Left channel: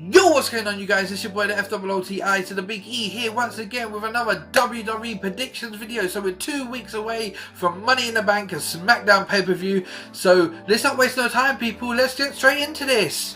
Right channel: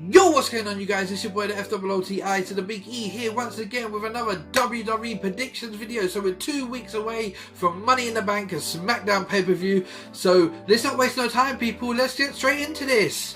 Yo, what's going on, you guys? It's your boy the FOOTI to the Big E here once again with another WWE predictions video. So we're 2 weeks away from Money in the Bank and SmackDown pay-per-view. So let's not waste no time, people. Let's get straight into this.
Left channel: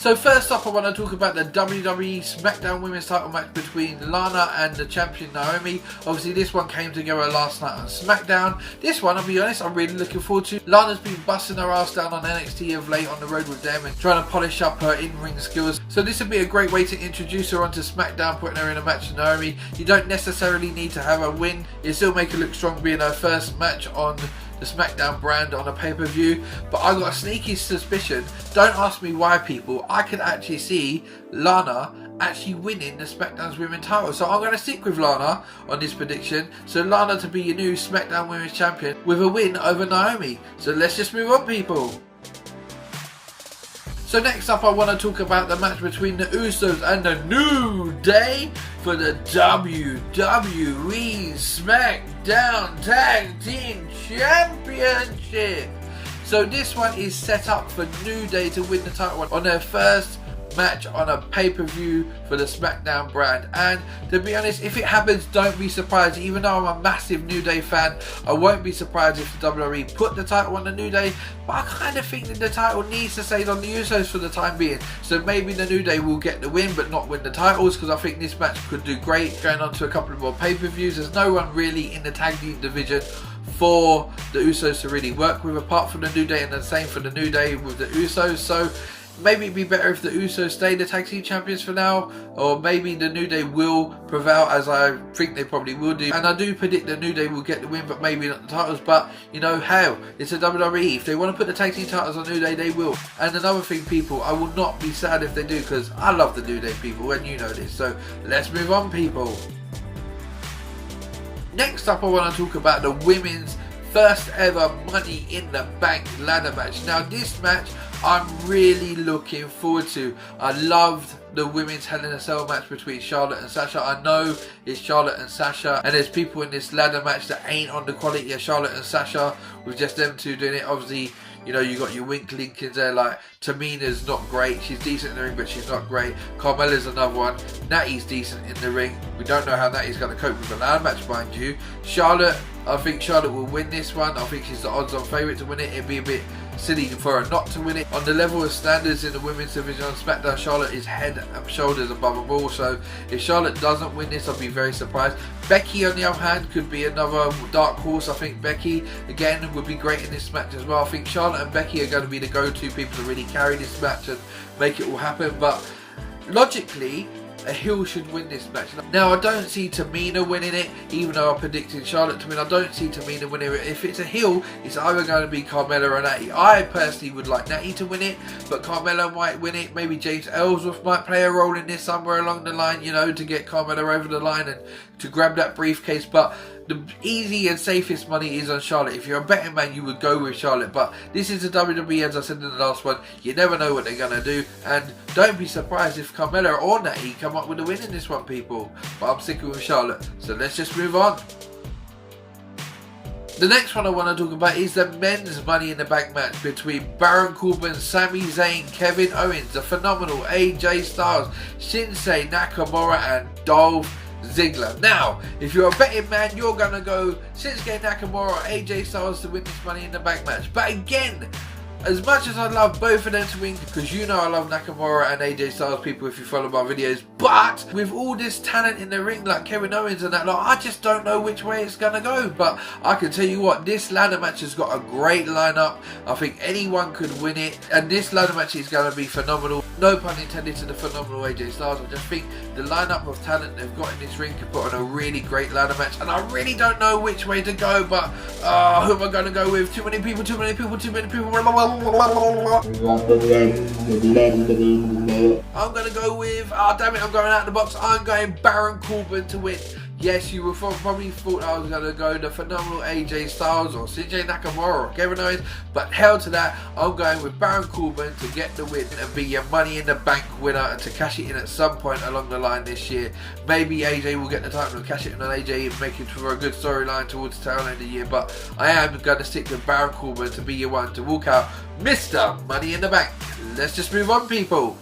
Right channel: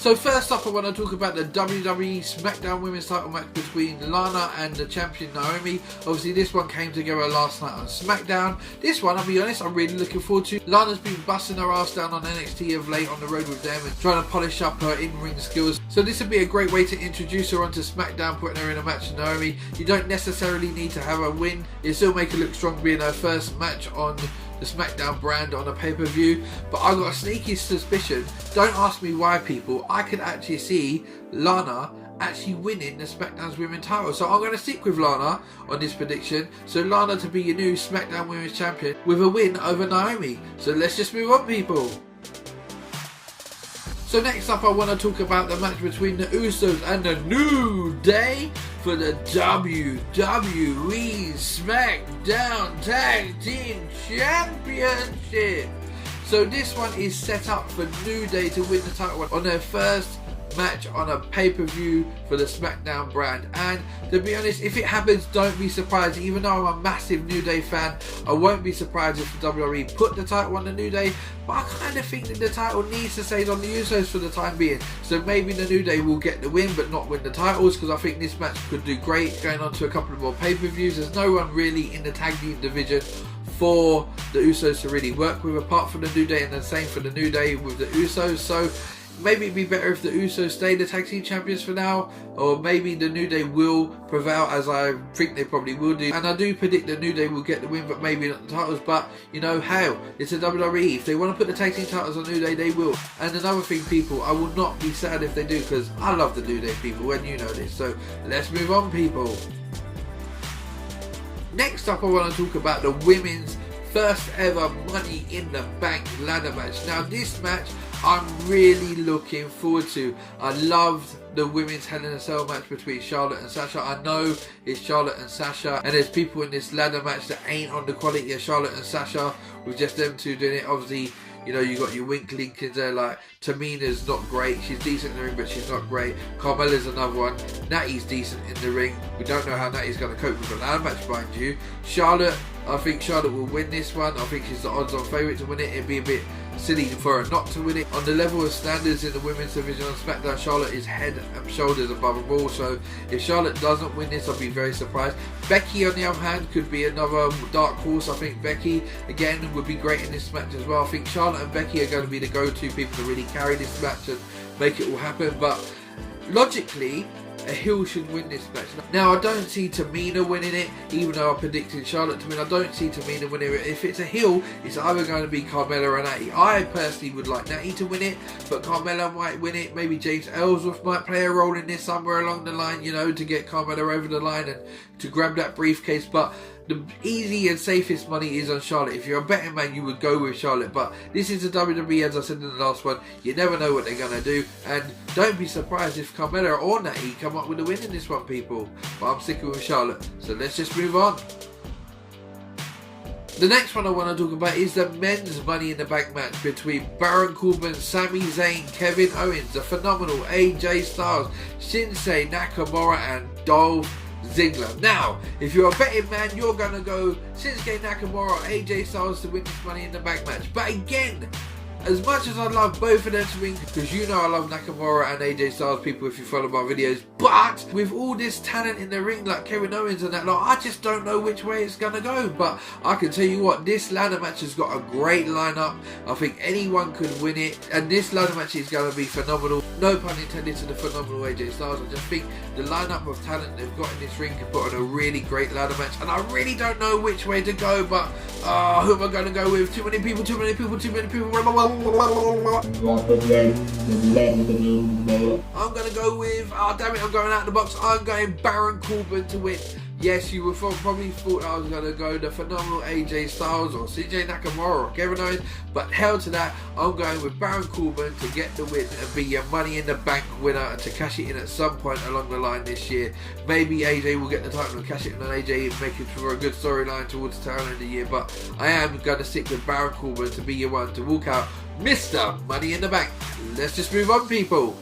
So first up, I want to talk about the WWE SmackDown Women's title match between Lana and the champion Naomi. Obviously this one came together last night on SmackDown. This one, I'll be honest, I'm really looking forward to. Lana's been busting her ass down on NXT of late on the road with them and trying to polish up her in-ring skills. So this would be a great way to introduce her onto SmackDown, putting her in a match with Naomi. You don't necessarily need to have her win. You still make her look strong being her first match on the SmackDown brand on a pay-per-view, but I've got a sneaky suspicion, don't ask me why, people, I could actually see Lana actually winning the SmackDown's Women's title. So I'm going to stick with Lana on this prediction. So Lana to be your new SmackDown Women's Champion with a win over Naomi. So let's just move on, people. So next up, I want to talk about the match between the Usos and the New Day for the WWE SmackDown Tag Team Championship. So this one is set up for New Day to win the title on their first match on a pay-per-view for the SmackDown brand. And to be honest, if it happens, don't be surprised. Even though I'm a massive New Day fan, I won't be surprised if the WWE put the title on the New Day, but I kind of think that the title needs to stay on the Usos for the time being. So maybe the New Day will get the win but not win the titles, because I think this match could do great going on to a couple of more pay-per-views. There's no one really in the tag team division for the Usos to really work with apart from the New Day, and the same for the New Day with the Usos. So maybe it'd be better if the Usos stay the tag team champions for now, or maybe the New Day will prevail, as I think they probably will do. And I do predict the New Day will get the win, but maybe not the titles. But you know, hell, it's a WWE. If they want to put the tag team titles on New Day, they will. And another thing, people, I will not be sad if they do, because I love the New Day, people, and you know this. So let's move on, people. Next up, I want to talk about the women's first ever Money in the Bank ladder match. Now this match I'm really looking forward to. I loved the women's Hell in a Cell match between Charlotte and Sasha. I know it's Charlotte and Sasha, and there's people in this ladder match that ain't on the quality of Charlotte and Sasha, with just them two doing it. Obviously, you know, you got your Wink Linkins there, like Tamina's not great. She's decent in the ring, but she's not great. Carmella's another one. Natty's decent in the ring. We don't know how Natty's going to cope with the ladder match, mind you. Charlotte, I think Charlotte will win this one. I think she's the odds-on favourite to win it. It'd be a bit silly for her not to win it. On the level of standards in the women's division on SmackDown, Charlotte is head and shoulders above them all. So if Charlotte doesn't win this, I'll be very surprised. Becky, on the other hand, could be another dark horse. I think Becky, again, would be great in this match as well. I think Charlotte and Becky are going to be the go-to people to really carry this match and make it all happen. But logically, a heel should win this match. Now, I don't see Tamina winning it, even though I predicted Charlotte to win. I don't see Tamina winning it. If it's a heel, it's either going to be Carmella or Natty. I personally would like Natty to win it, but Carmella might win it. Maybe James Ellsworth might play a role in this somewhere along the line, you know, to get Carmella over the line and to grab that briefcase. But the easy and safest money is on Charlotte. If you're a betting man, you would go with Charlotte. But this is the WWE, as I said in the last one. You never know what they're going to do. And don't be surprised if Carmella or Natty come up with a win in this one, people. But I'm sticking with Charlotte. So let's just move on. The next one I want to talk about is the men's Money in the Bank match between Baron Corbin, Sami Zayn, Kevin Owens, the phenomenal AJ Styles, Shinsuke Nakamura, and Dolph Ziggler. Now, if you're a betting man, you're going to go Shinsuke Nakamura or AJ Styles to win this Money in the Bank match. But again, as much as I love both of them to win, because you know I love Nakamura and AJ Styles, people, if you follow my videos, but with all this talent in the ring like Kevin Owens and that lot, I just don't know which way it's going to go. But I can tell you what, this ladder match has got a great lineup. I think anyone could win it, and this ladder match is going to be phenomenal. No pun intended to the phenomenal AJ Styles. I just think the lineup of talent they've got in this ring can put on a really great ladder match, and I really don't know which way to go. But who am I going to go with? Too many people. I'm going to go with, damn it, I'm going out of the box. I'm going Baron Corbin to win. Yes, you would probably thought I was going to go the phenomenal AJ Styles or CJ Nakamura or Kevin Owens, but hell to that, I'm going with Baron Corbin to get the win and be your Money in the Bank winner and to cash it in at some point along the line this year. Maybe AJ will get the title and cash it in on AJ and make it for a good storyline towards the tail end of the year, but I am going to stick with Baron Corbin to be your one to walk out Mr. Money in the Bank. Let's just move on, people.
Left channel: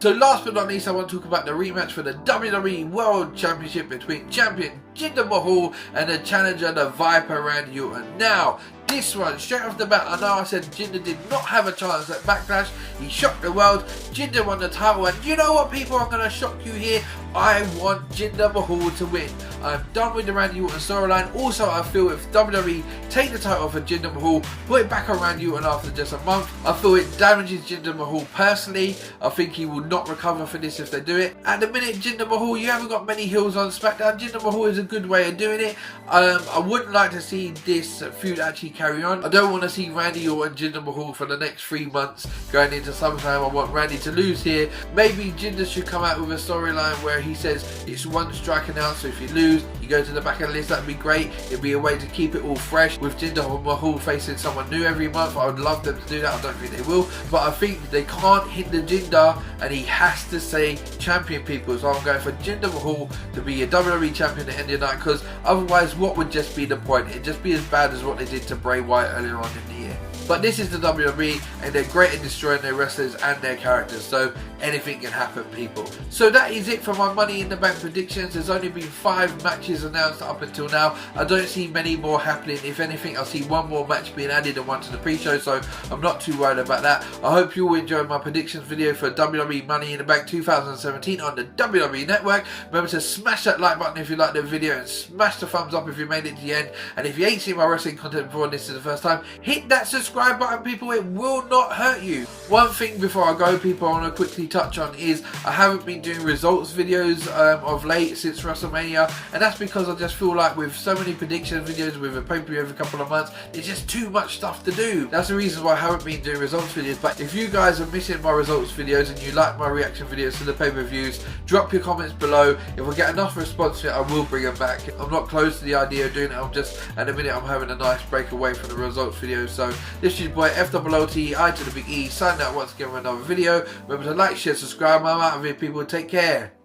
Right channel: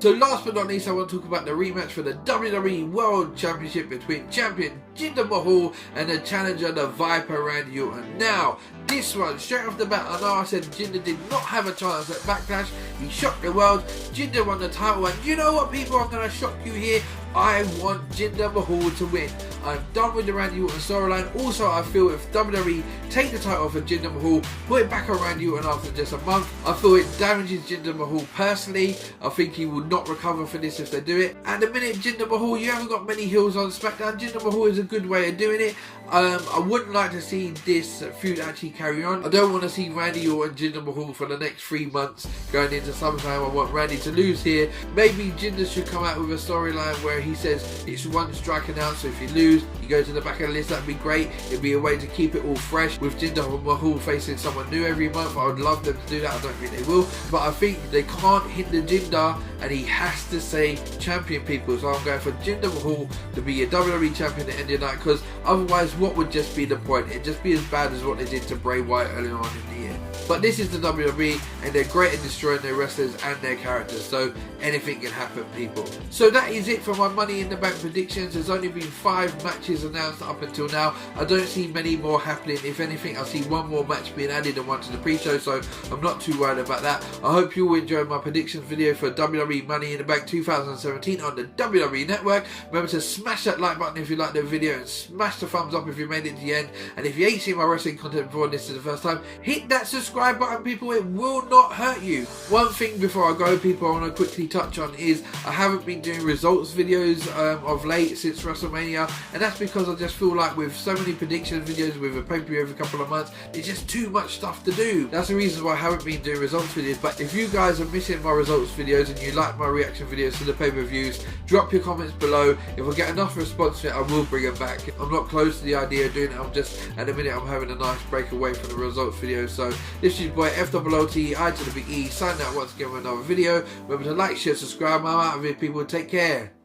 So last but not least, I want to talk about the rematch for the WWE World Championship between champion Jinder Mahal and the challenger, the Viper, Randy Orton. Now, this one, straight off the bat, I know I said Jinder did not have a chance at Backlash. He shocked the world. Jinder won the title, and you know what, people? I'm going to shock you here. I want Jinder Mahal to win. I'm done with the Randy Orton storyline. Also, I feel if WWE take the title for Jinder Mahal, put it back on Randy Orton after just a month, I feel it damages Jinder Mahal personally. I think he will not recover for this if they do it. At the minute, Jinder Mahal, you haven't got many heels on SmackDown. Jinder Mahal is a good way of doing it. I wouldn't like to see this feud actually carry on. I don't want to see Randy Orton and Jinder Mahal for the next 3 months going into SummerSlam. I want Randy to lose here. Maybe Jinder should come out with a storyline where he says it's one strike and out, so if you lose, you go to the back of the list. That'd be great. It'd be a way to keep it all fresh. With Jinder Mahal facing someone new every month, I would love them to do that. I don't think they will, but I think they can't hinder Jinder, and he has to stay champion, people. So I'm going for Jinder Mahal to be a WWE champion at the end of the night, because otherwise, what would just be the point? It'd just be as bad as what they did to Bray Wyatt earlier on in the year. But this is the WWE, and they're great at destroying their wrestlers and their characters, so anything can happen, people. So that is it for my Money in the Bank predictions. There's only been 5 matches announced up until now. I don't see many more happening. If anything, I see one more match being added and one to the pre-show, so I'm not too worried about that. I hope you all enjoyed my predictions video for WWE Money in the Bank 2017 on the WWE Network. Remember to smash that like button if you liked the video, and smash the thumbs up if you made it to the end. And if you ain't seen my wrestling content before and this is the first time, hit that subscribe button, people. It will not hurt you. One thing before I go, people, I want to quickly touch on is I haven't been doing results videos of late since WrestleMania, and that's because I just feel like with so many prediction videos with a pay-per-view every couple of months, it's just too much stuff to do. That's the reason why I haven't been doing results videos. But if you guys are missing my results videos and you like my reaction videos to the pay-per-views, drop your comments below. If I get enough response to it, I will bring them back. I'm not close to the idea of doing it. I'm just, at the minute, I'm having a nice break away from the results videos. So this is your boy FOOT, I to the big E, signing out once again with another video. Remember to like, share, subscribe. I'm out of here, people. Take care.